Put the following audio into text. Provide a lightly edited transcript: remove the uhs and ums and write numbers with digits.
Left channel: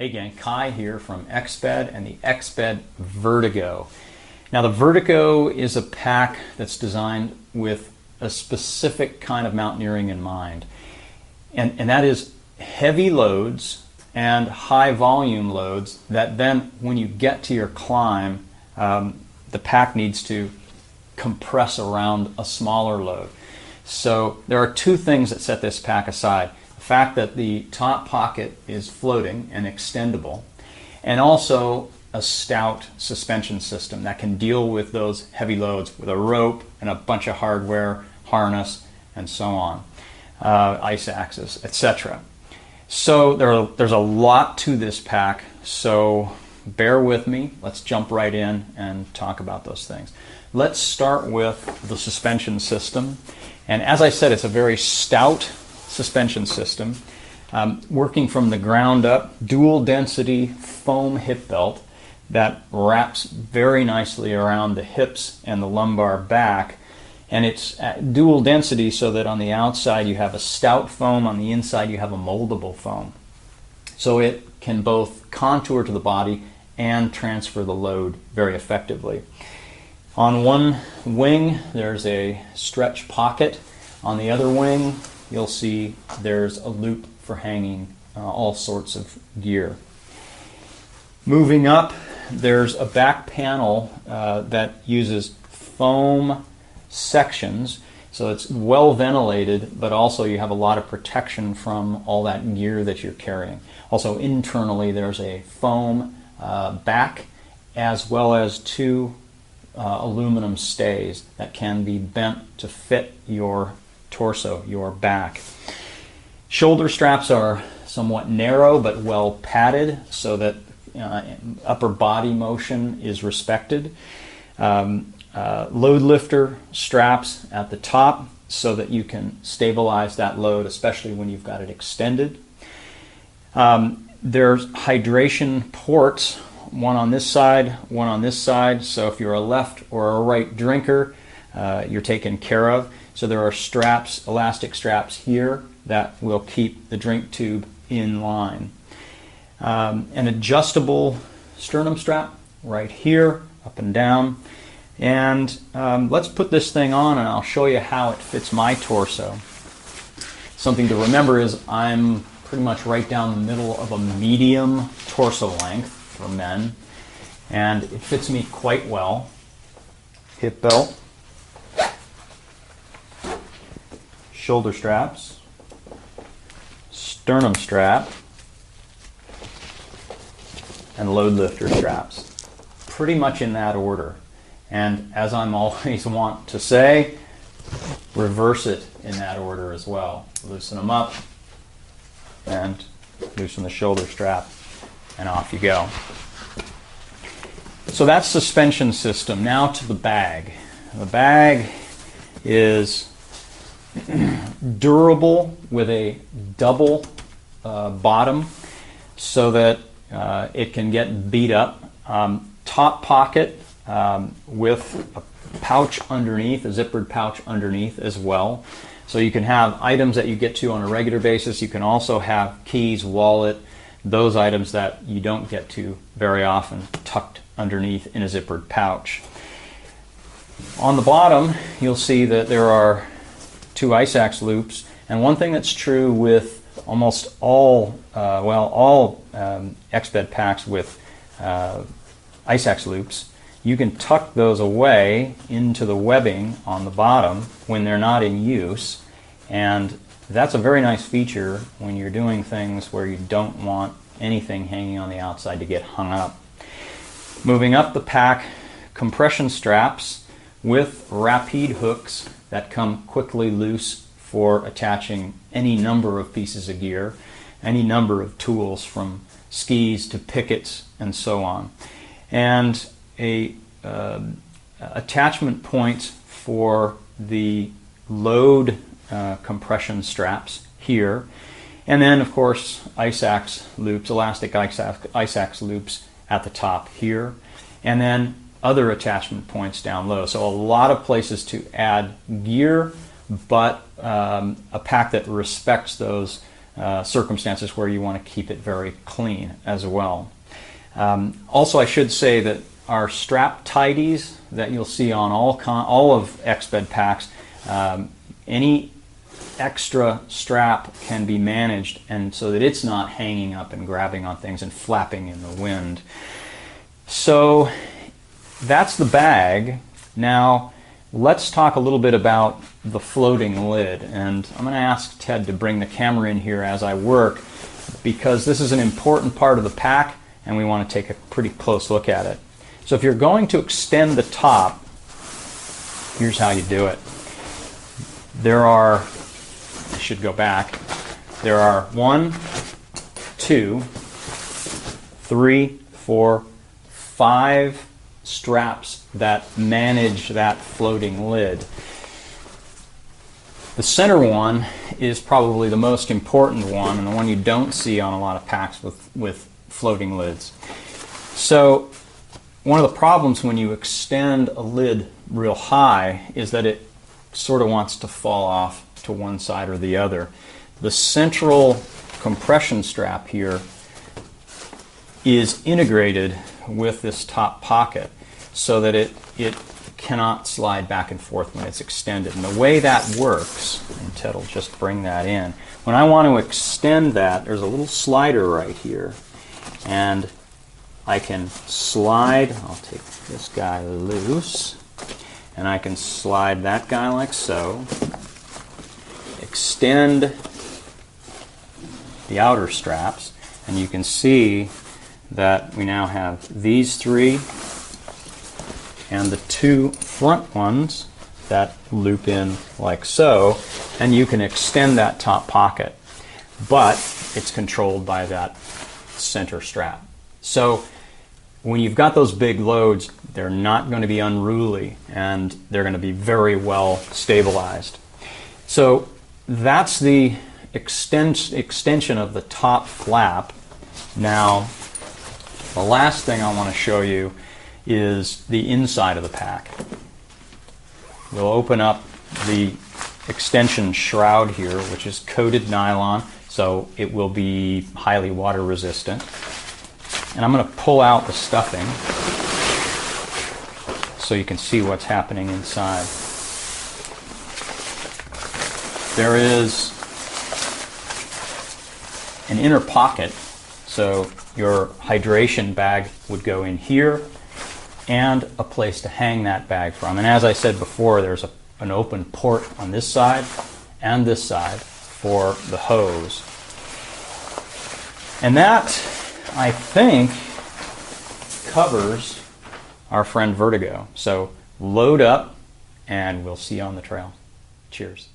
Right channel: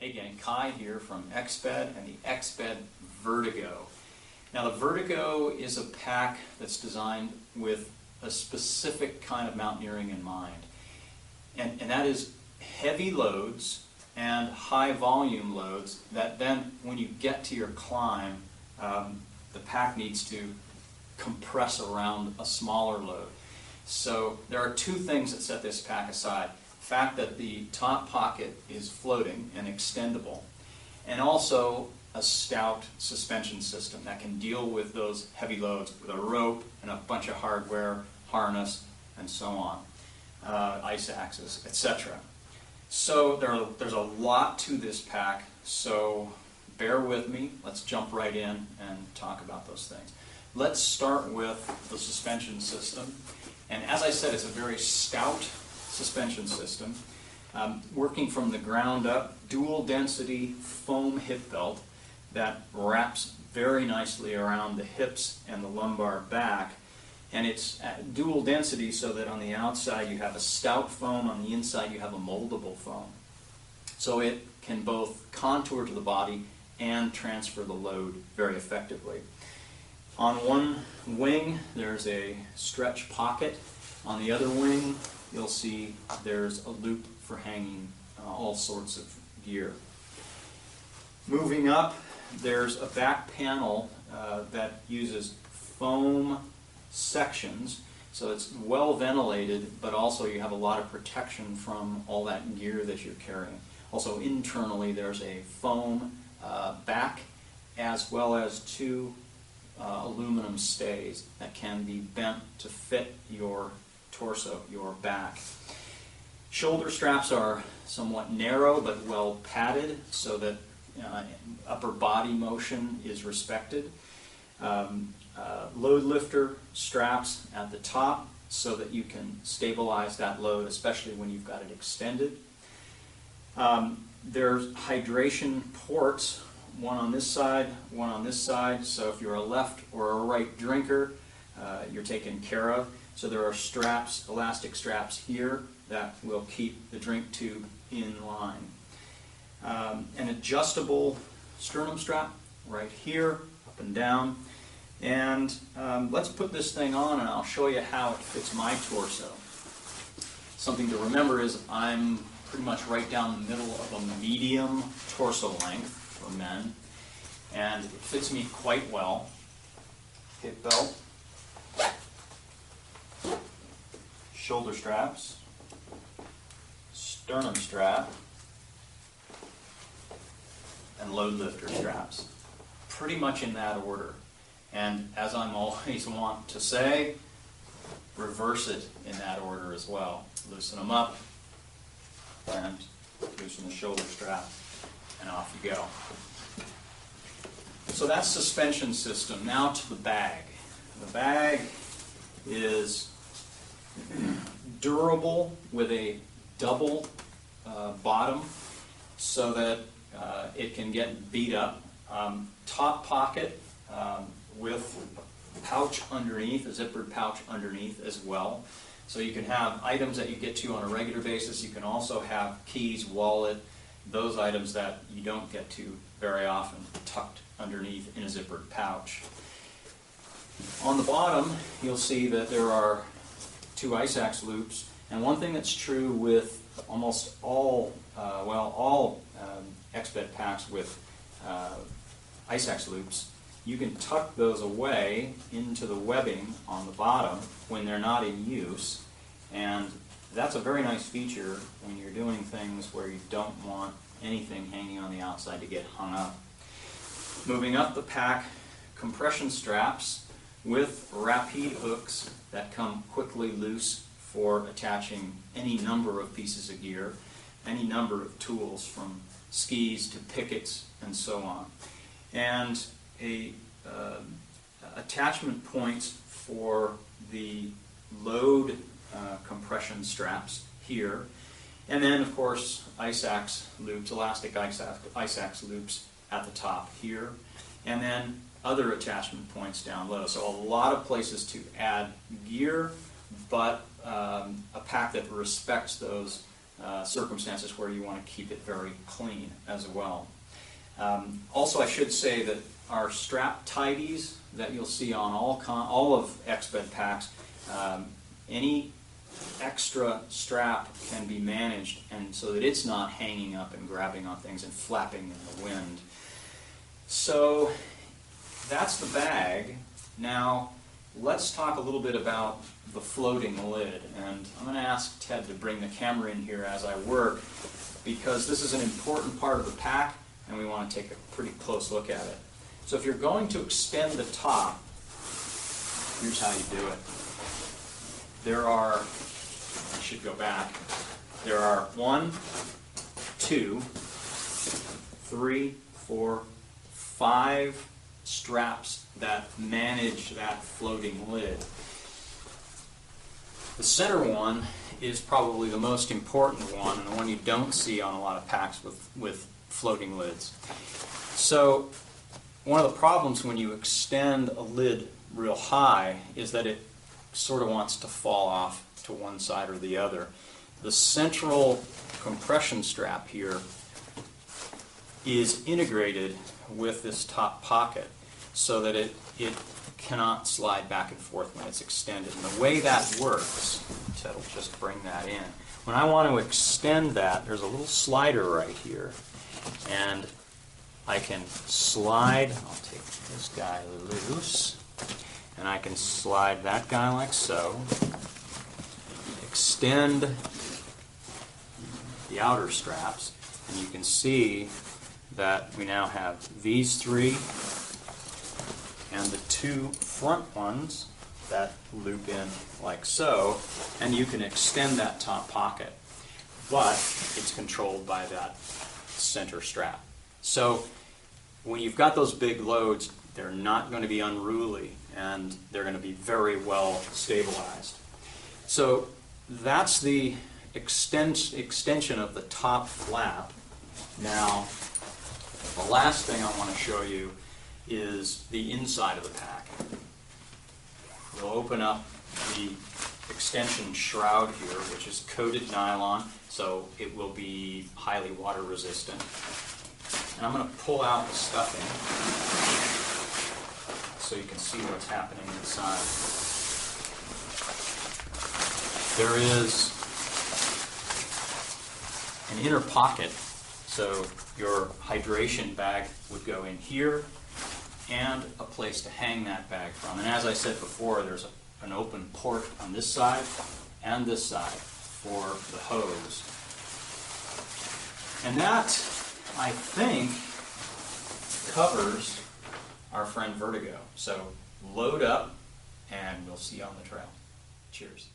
Hey gang, Kai here from Exped and the Exped Vertigo. Now the Vertigo is a pack that's designed with a specific kind of mountaineering in mind. And that is heavy loads and high volume loads that then when you get to your climb, the pack needs to compress around a smaller load. So there are two things that set this pack aside. The fact that the top pocket is floating and extendable, and also a stout suspension system that can deal with those heavy loads with a rope and a bunch of hardware, harness, and so on, ice axes, etc. So there's a lot to this pack, so bear with me. Let's jump right in and talk about those things. Let's start with the suspension system. And as I said, it's a very stout suspension system, working from the ground up, dual density foam hip belt that wraps very nicely around the hips and the lumbar back. And it's dual density so that on the outside you have a stout foam, on the inside you have a moldable foam. So it can both contour to the body and transfer the load very effectively. On one wing there's a stretch pocket. On the other wing you'll see there's a loop for hanging all sorts of gear. Moving up, there's a back panel that uses foam sections, so it's well ventilated, but also you have a lot of protection from all that gear that you're carrying. Also internally there's a foam back as well as two aluminum stays that can be bent to fit your torso, your back. Shoulder straps are somewhat narrow but well padded so that upper body motion is respected. Load lifter straps at the top so that you can stabilize that load, especially when you've got it extended. There's hydration ports, one on this side, one on this side, so if you're a left or a right drinker, you're taken care of. So there are straps, elastic straps here that will keep the drink tube in line. An adjustable sternum strap right here, up and down. And let's put this thing on and I'll show you how it fits my torso. Something to remember is I'm pretty much right down the middle of a medium torso length for men, and it fits me quite well. Hip belt, shoulder straps, sternum strap, and load lifter straps. Pretty much in that order. And as I'm always want to say, reverse it in that order as well. Loosen them up and loosen the shoulder strap, and off you go. So that's suspension system. Now to the bag. The bag is durable with a double bottom so that it can get beat up. Top pocket with a pouch underneath, a zippered pouch underneath as well. So you can have items that you get to on a regular basis. You can also have keys, wallet, those items that you don't get to very often tucked underneath in a zippered pouch. On the bottom you'll see that there are two ice axe loops, and one thing that's true with almost all Exped packs with ice axe loops, you can tuck those away into the webbing on the bottom when they're not in use, and that's a very nice feature when you're doing things where you don't want anything hanging on the outside to get hung up. Moving up the pack, compression straps with rapide hooks that come quickly loose for attaching any number of pieces of gear, any number of tools from skis to pickets and so on. And attachment points for the load compression straps here, and then of course ice axe loops, elastic ice axe loops at the top here, and then other attachment points down low. So a lot of places to add gear, but a pack that respects those circumstances where you want to keep it very clean as well. Also, I should say that our strap tidies that you'll see on all of Exped packs, any extra strap can be managed and so that it's not hanging up and grabbing on things and flapping in the wind. So that's the bag. Now let's talk a little bit about the floating lid, and I'm going to ask Ted to bring the camera in here as I work, because this is an important part of the pack and we want to take a pretty close look at it. So if you're going to extend the top, here's how you do it. There are, I should go back, there are 1, 2, 3, 4, 5 straps that manage that floating lid. The center one is probably the most important one and the one you don't see on a lot of packs with floating lids. So one of the problems when you extend a lid real high is that it sort of wants to fall off to one side or the other. The central compression strap here is integrated with this top pocket so that it cannot slide back and forth when it's extended. And the way that works, and Ted will just bring that in, when I want to extend that, there's a little slider right here, and I can slide, I'll take this guy loose, and I can slide that guy like so, extend the outer straps, and you can see that we now have these 3 and the 2 front ones that loop in like so, and you can extend that top pocket, but it's controlled by that center strap. So when you've got those big loads, they're not going to be unruly and they're going to be very well stabilized. So that's the extension of the top flap. Now, the last thing I want to show you is the inside of the pack. We'll open up the extension shroud here, which is coated nylon, so it will be highly water resistant. And I'm going to pull out the stuffing so you can see what's happening inside. There is an inner pocket, so your hydration bag would go in here, and a place to hang that bag from. And as I said before, there's an open port on this side and this side for the hose. And that, I think, covers our friend Vertigo. So load up and we'll see you on the trail. Cheers.